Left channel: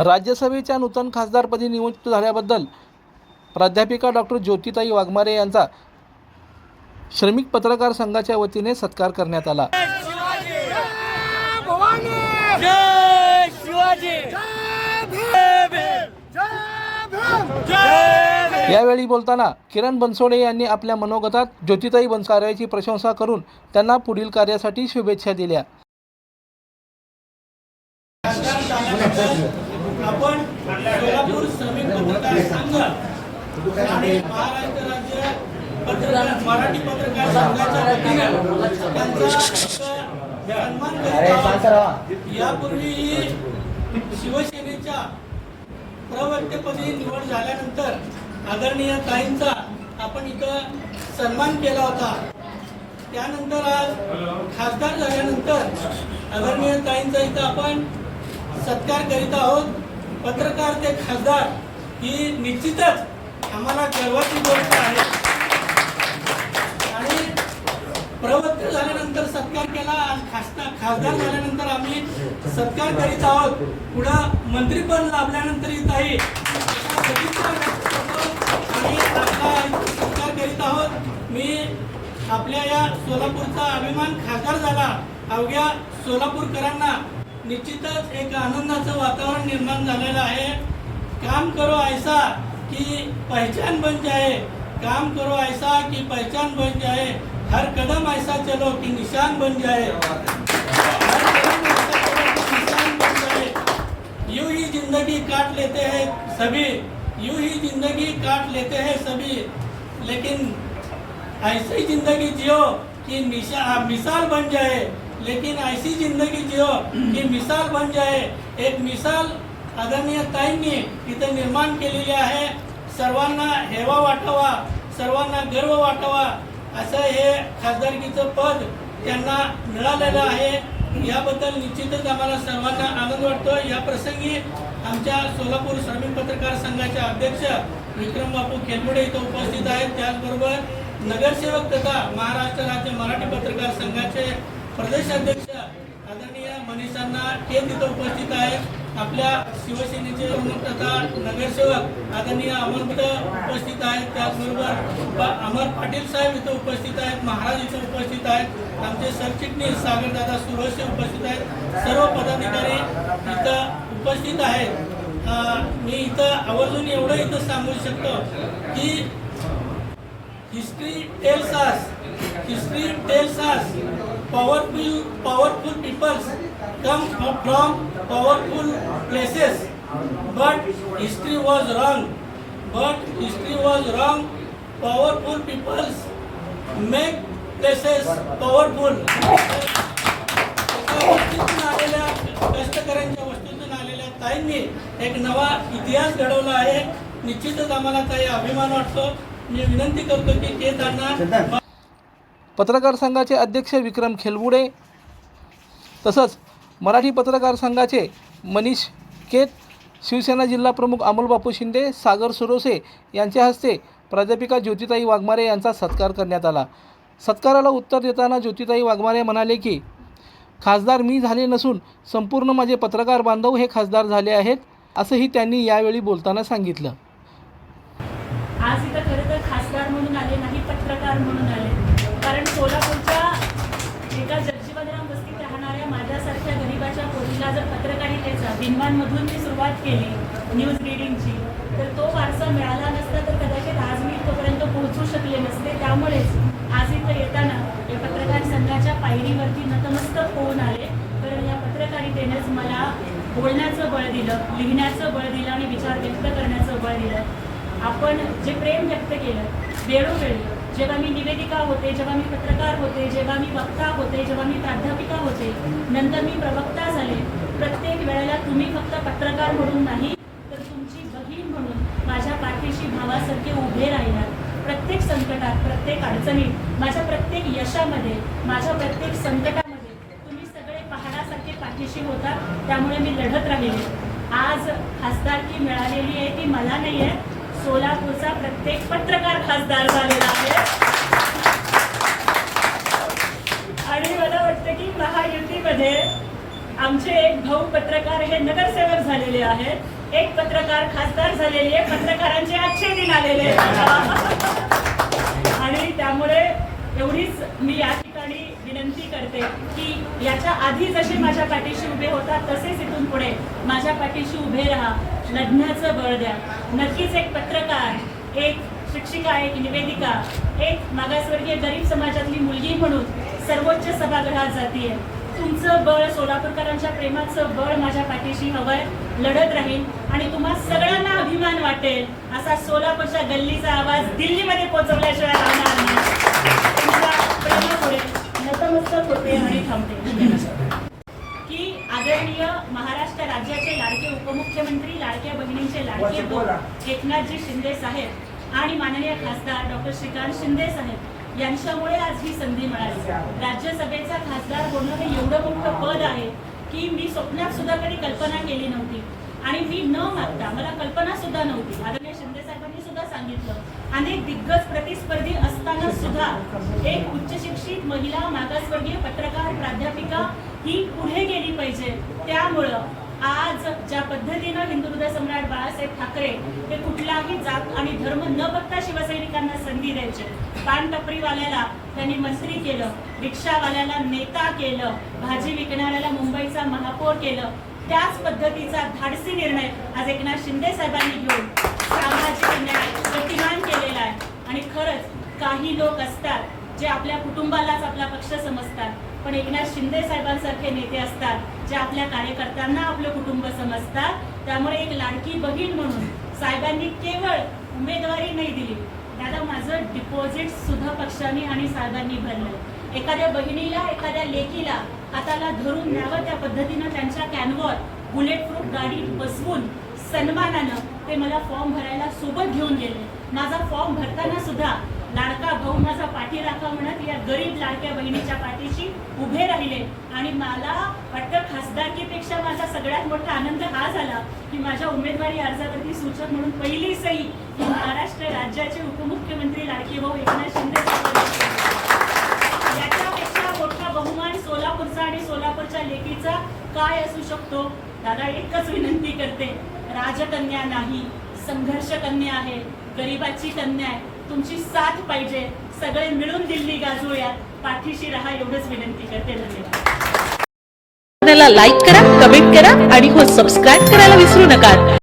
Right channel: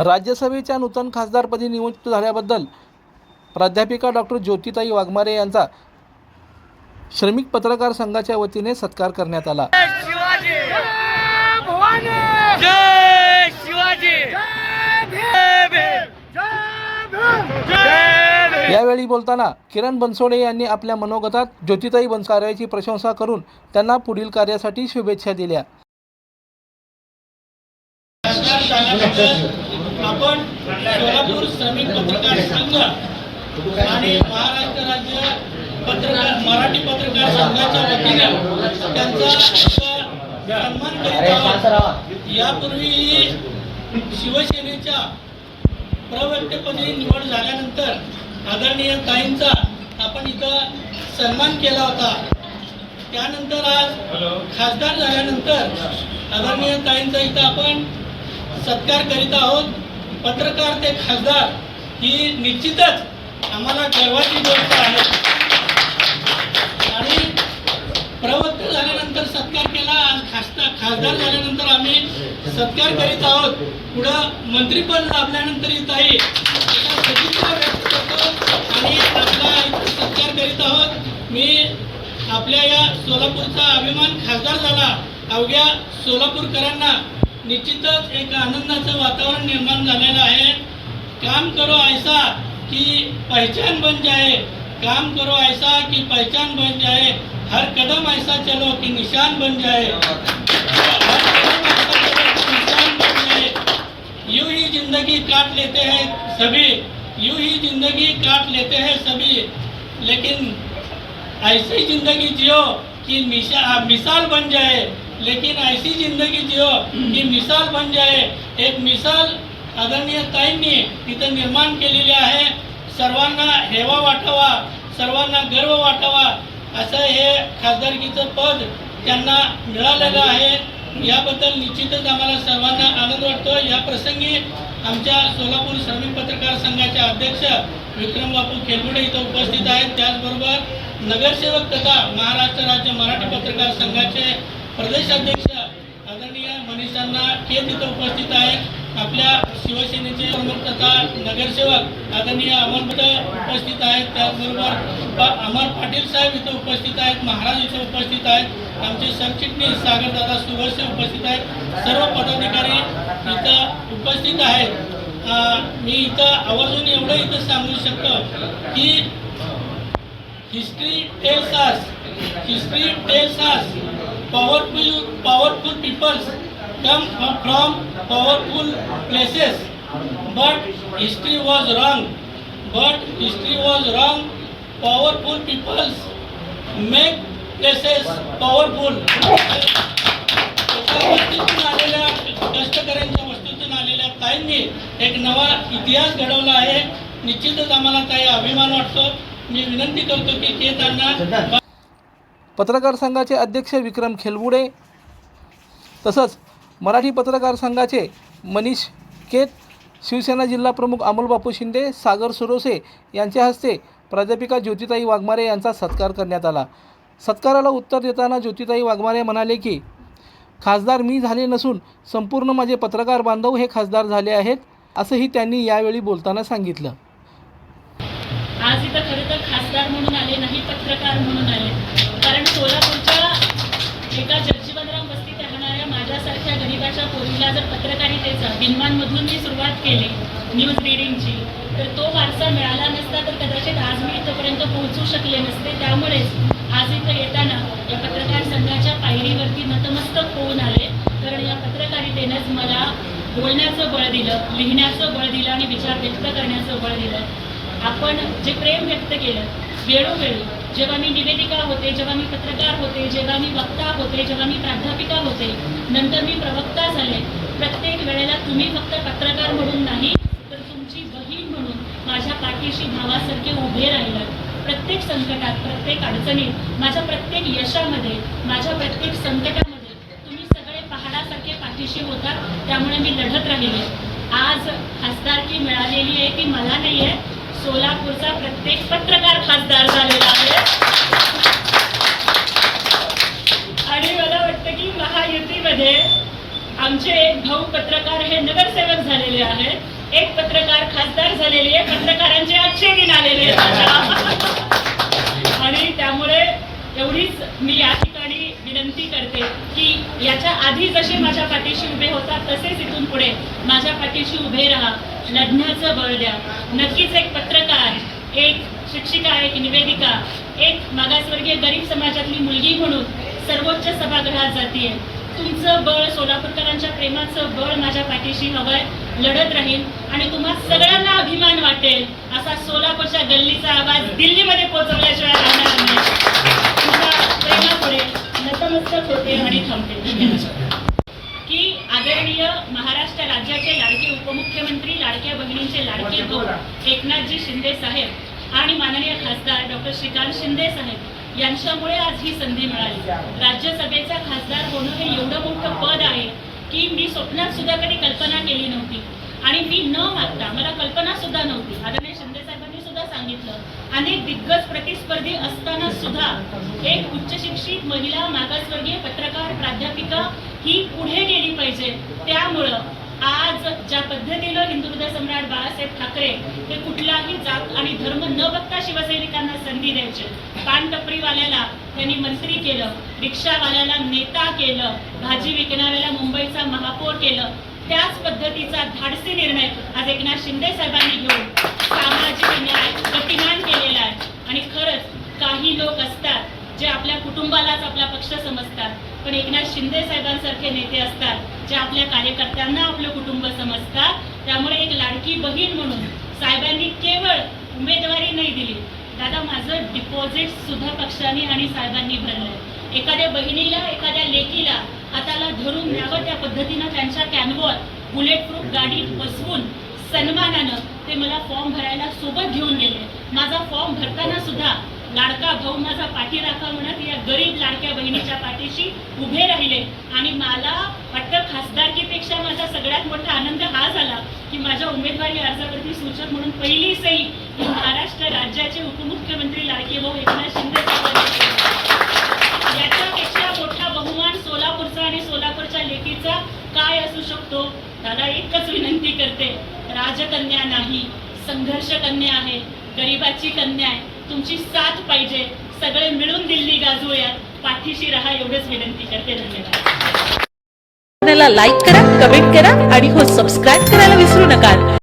राज्यसभेच्या नूतन खासदारपदी नियुक्त झाल्याबद्दल प्राध्यापिका डॉक्टर ज्योतिताई वाघमारे यांचा श्रमिक पत्रकार संघाच्या वतीने सत्कार करण्यात आला। यावेळी बोलताना किरण बनसोडे यांनी आपल्या मनोगतात ज्योतिताई कार्याची प्रशंसा करून त्यांना पुढील कार्यासाठी शुभेच्छा दिल्या। आपण सोलापूर श्रमिक पत्रकार संघ आणि महाराष्ट्र राज्य मराठी पत्रकार संघाच्या वतीने त्यांचा सन्मान करीत आहोत। यापूर्वी शिवसेनेच्या प्रवक्तेपदी निवड झाल्यानंतर आदरणीय ताईंचा आपण इथं सन्मान केला होता। त्यानंतर आज खासदार झाल्यानंतर आदरणीय ताईंचा इथं आपण सत्कार करीत आहोत। पत्रकार ते खासदार ही निश्चितच आम्हाला गर्वाची गोष्ट आहे आणि प्रवक्ते झाल्यानंतर सत्कार केला, आज खासदार झाल्यानंतर आम्ही सत्कार करीत आहोत। पुढं मंत्रीपद लाभल्यानंतर इथंही सदिच्छा व्यक्त करतो आणि आपला सत्कार करीत आहोत। मी आपल्या या सोलापूरचा अभिमान खासदार झाला, अवघ्या सोलापूरकरांना निश्चितच एक आनंदाचं वातावरण निर्माण झालेलं आहे। काम करो ऐसा कि पहचान बन जाए, काम करो ऐसा कि पहचान बन जाए, हर कदम ऐसा चलो कि निशान बन जाए, हर कदम ऐसा चलो कि निशान बन जाए। यूं ही जिंदगी काट लेते हैं सभी, यूं ही जिंदगी काट लेते हैं सभी, लेकिन ऐसी जिंदगी जियो कि मिसाल बन जाए, लेकिन ऐसी जिंदगी जियो की मिसाल बन जाए। एक मिसाल आदरणीय ताईंनी तिथं निर्माण केलेली आहे। सर्वांना हेवा वाटावा, सर्वांना गर्व वाटावा असं हे खासदारकीचं पद त्यांना मिळालेलं आहे। याबद्दल निश्चितच आम्हाला सर्वांना आनंद वाटतो। या प्रसंगी आमच्या सोलापूर श्रमिक पत्रकार संघाचे अध्यक्ष विक्रम बापू खेलमुडे इथं उपस्थित आहेत। त्याचबरोबर नगरसेवक तथा महाराष्ट्र राज्य मराठी पत्रकार संघाचे प्रदेश अध्यक्ष आदरणीय मनीषांना केत इथं उपस्थित आहेत। आपल्या शिवसेनेचे प्रमुख तथा नगरसेवक आदरणीय अमर उपस्थित आहेत। त्याचबरोबर अमर पाटील साहेब इथं उपस्थित आहेत, महाराज इथं उपस्थित आहेत, आमचे सरचिटणीस सागरदादा सुरवसे उपस्थित आहेत, सर्व पदाधिकारी इथं उपस्थित आहेत। मी इथं आवर्जून एवढं इथं सांगू शकतो की history tells us powerful peoples come from powerful places, but history was wrong. Powerful peoples make places powerful. आलेल्या कष्टकऱ्यांच्या वस्तूतून आलेल्या ताईंनी एक नवा इतिहास घडवला आहे। निश्चितच आम्हाला ताई अभिमान वाटतो। मी विनंती करतो की ते त्यांना पत्रकार संघाचे अध्यक्ष विक्रम खेलमुडे तसंच मराठी पत्रकार संघाचे मनीष केत, शिवसेना जिल्हा प्रमुख अमोल बापू शिंदे, सागर सुरोसे यांच्या हस्ते प्राध्यापिका ज्योतिताई वाघमारे यांचा सत्कार करण्यात आला। सत्काराला उत्तर देताना ज्योतिताई वाघमारे म्हणाले की खासदार मी झाले नसून संपूर्ण माझे पत्रकार बांधव हे खासदार झाले आहेत, असंही त्यांनी यावेळी बोलताना सांगितलं। आज इथं खरं तर खासदार म्हणून आले नाही, पत्रकार म्हणून आले, कारण सोलापूरच्या एका जगजीवनराम वस्तीत राहणाऱ्या माझ्यासारख्या गरीबाच्या पोरीला जर पत्रकारितेचा बिनवानमधून मी सुरुवात केली न्यूज रीडिंगची, तर तो वारसा मिळाला नसता तर कदाचित आज मी इथपर्यंत पोहोचू शकले नसते। त्यामुळेच आज इथं येताना या पत्रकार संघाच्या पायरीवरती नतमस्तक होऊन आले, कारण या पत्रकारितेनेच मला बोलण्याचं बळ दिलं, लिहिण्याचं बळ दिलं आणि विचार व्यक्त करण्याचं बळ दिलं। आपण जे प्रेम व्यक्त केलं वेळोवेळी, जेव्हा मी निवेदिका होते, जेव्हा मी पत्रकार होते, जेव्हा मी वक्ता होते, जेव्हा मी प्राध्यापिका होते, नंतर मी प्रवक्ता झाले, प्रत्येक वेळेला तुम्ही फक्त पत्रकार म्हणून नाही तर तुमची बहीण म्हणून माझ्या पाठीशी भावासारखे उभे राहिलात। प्रत्येक संकटात, प्रत्येक अडचणीत, माझ्या प्रत्येक यशामध्ये, माझ्या प्रत्येक संकटामध्ये तुम्ही सगळे पहाडासारखे पाठीशी होता। त्यामुळे मी लढत राहिले। आज खासदारकी मिळालेली आहे ती मला नाही आहे, सोलापूरचा प्रत्येक पत्रकार खासदार झालेला आहे। आणि मला वाटतं की महायुतीमध्ये आमचे एक भाऊ पत्रकार हे नगरसेवक झालेले आहेत, एक पत्रकार खासदार झालेले आहे, पत्रकारांचे अच्छे दिन आलेले आहेत आणि त्यामुळे एवढीच मी या ठिकाणी विनंती करते की याच्या आधी जसे माझ्या पाठीशी उभे होतात तसेच इथून पुढे माझ्या पाठीशी उभे राहा, लढण्याचं बळ द्या. नक्कीच एक पत्रकार, एक शिक्षिका, एक निवेदिका, एक मागासवर्गीय गरीब समाजातली मुलगी म्हणून सर्वोच्च सभागृहात जातीये. तुमचं बळ, सोलापूरकरांच्या प्रेमाचं बळ माझ्या पाठीशी हवंय, लढत राहील आणि तुम्हा सगळ्यांना अभिमान वाटेल असा सोलापूरच्या गल्लीचा आवाज दिल्लीमध्ये पोहोचवल्याशिवाय राहणार नाही. तुमच्या प्रेमापुढे नतमस्तक होते आणि थांबते. की आदरणीय महाराष्ट्र राज्याचे लाडके उपमुख्यमंत्री, लाडक्या बहिणींचे लाडके भाऊ एकनाथजी शिंदे साहेब आणि माननीय खासदार डॉक्टर श्रीकांत शिंदे साहेब यांच्यामुळे आज ही संधी मिळाली. राज्यसभेचा खासदार होणं हे एवढं मोठं पद आहे की मी स्वप्नात सुद्धा कधी कल्पना केली नव्हती आणि मी न मागता, मला कल्पना सुद्धा नव्हती. आदरणीय शिंदे साहेबांनी सुद्धा सांगितलं, अनेक दिग्गज प्रतिस्पर्धी असताना सुद्धा एक उच्च शिक्षित महिला मागासवर्गीय पत्रकार, प्राध्यापिका ही पुढे गेली पाहिजे. त्यामुळं आज ज्या पद्धतीनं हिंदुहृदय सम्राट बाळासाहेब ठाकरे हे कुठलाही जात आणि धर्म न बघता शिवसैनिकांना संधी द्यायचे. पानटपरीवाल्याला त्यांनी मंत्री केलं, रिक्षावाल्याला नेता केलं, भाजी विकणाऱ्याला मुंबईचा महापौर केलं. त्याच पद्धतीचा धाडसी निर्णय आज एकनाथ शिंदे साहेबांनी घेऊन सामाजिक न्याय गतिमान केलेला आहे. आणि खरंच काही लोक असतात जे आपल्या कुटुंबालाच आपला पक्ष समजतात, पण एकनाथ शिंदे साहेबांसारखे नेते असतात जे आपल्या कार्यकर्त्यांना आपलं कुटुंब समजतात. त्यामुळे एक लाडकी बहीण म्हणून साहेबांनी केवळ उमेदवारी नाही दिली, दादा माझं डिपॉझिट सुद्धा पक्षाने आणि साहेबांनी भरलंय. एखाद्या बहिणीला, एखाद्या लेकीला हाताला धरून न्यावं त्या पद्धतीनं त्यांच्या कॅनवर बुलेट प्रूफ गाडीत बसवून सन्मानानं ते मला फॉर्म भरायला सोबत घेऊन गेले. माझा फॉर्म भरताना सुद्धा लाडका भाऊ माझा पाठीराखा म्हणत या गरीब लाडक्या बहिणीच्या पाठीशी उभे राहिले. आणि मला वाटतं खासदारकीपेक्षा माझा सगळ्यात मोठा आनंद हा झाला की माझ्या उमेदवारी अर्जावरती सूचक म्हणून पहिली सही ही महाराष्ट्र राज्याचे उपमुख्यमंत्री लाडके भाऊ एकनाथ शिंदे साहेबांनी. याच्यापेक्षा मोठा बहुमान सोलापूरचा आणि सोलापूरच्या लेकीचा काय असू शकतो? दादा एकच विनंती करते, राजकन्या नाही, संघर्ष कन्या आहे, गरिबाची कन्या आहे, तुमची साथ पाहिजे. सगळे मिळून दिल्ली गाजूयात, पाठीशी राहा एवढंच विनंती करते. धन्यवाद. लाईक करा, कमेंट करा आणि हो सबस्क्राईब करायला विसरू नका.